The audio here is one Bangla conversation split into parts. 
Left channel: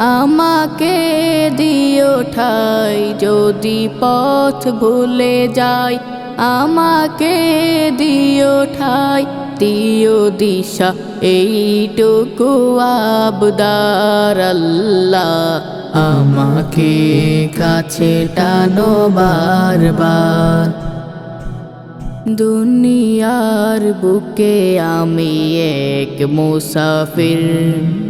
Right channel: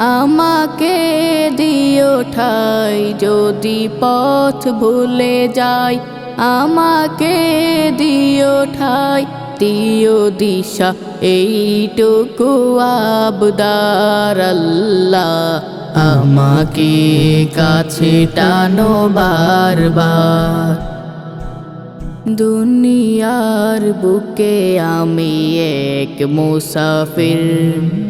আমাকে দিও ঠাই, যদি পথ ভুলে যাই, আমাকে দিও ঠাই, দিও দিশা, এইটুকু আবদার আল্লাহ। আমাকে কাছে টানো বারবার। দুনিয়ার বুকে আমি এক মুসাফির।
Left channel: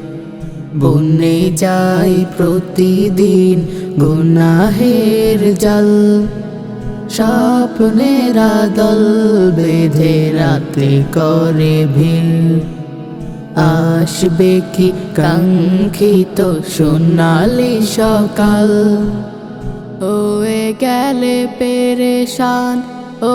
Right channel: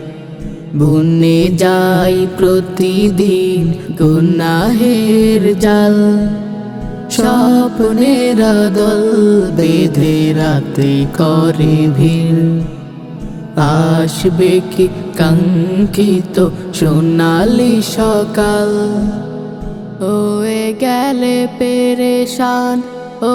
বনে যাই প্রতিদিন গুনাহের জাল। স্বপ্নের দল বেঁধে রাতে করে ভিড়। আসবে কি কাঙ্ক্ষিত সোনালি সকাল? ওয়ে গেলে পেরেশান, ও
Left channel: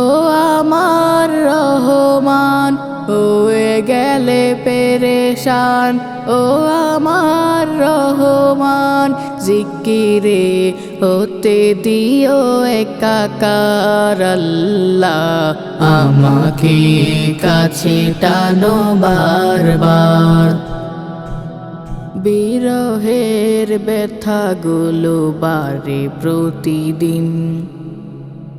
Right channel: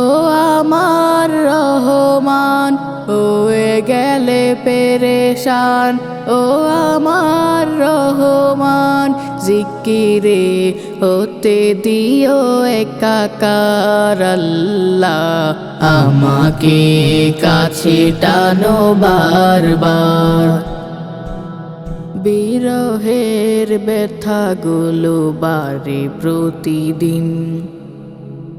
আমার রহমান। ওয়ে গেলে পেরেশান, ও আমার রহমান। জিকিরে হতে দিও একাকার আল্লাহ। আমাকে কাছে টানো বারবার। বিরহের ব্যথাগুলো বাড়ে প্রতিদিন।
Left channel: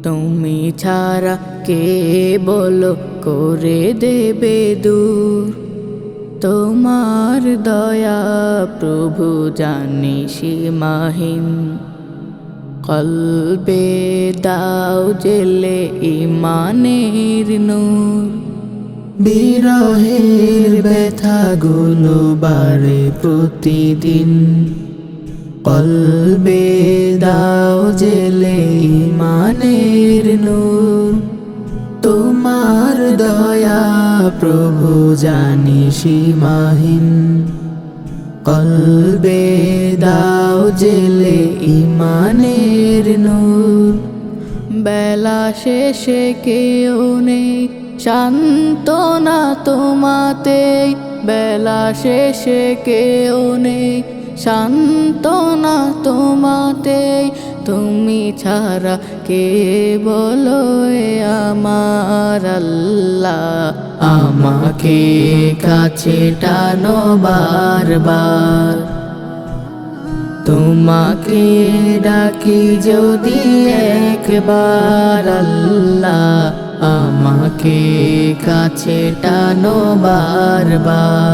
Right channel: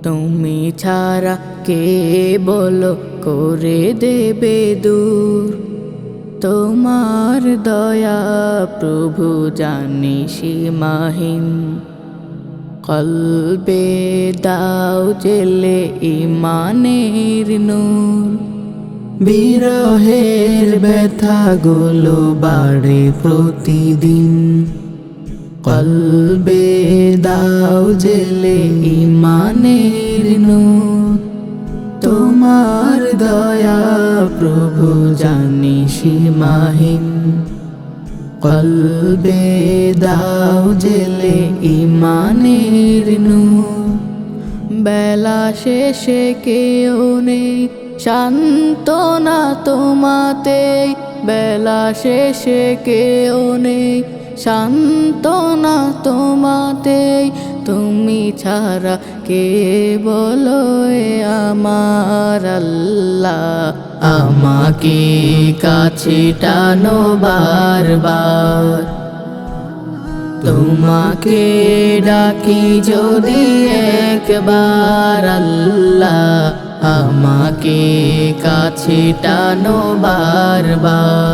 তুমি ছাড়া কে বলো করে দেবে দূর। তোমার দয়া প্রভু জানি সীমাহীন। কলবে দাও জেলে ইমানের নূর। বিরহের ব্যথাগুলো বাড়ে প্রতিদিন। কলবে দাও জেলে ইমানের দয়া, প্রভু জানি সীমাহীন। কলবে দাও জেলে ইমানের নূর। বেলা শেষে কেউ নেই শান্তনা তোমাতে বেলা শেষে কেউ নেই শান্তনা তোমাতে তুমি ছাড়া কে বলো আমার আল্লাহ? আমাকে কাছে টানো বারবার। তোমাকে ডাকি যদি একবার আল্লাহ, আমাকে কাছে টানো বারবার।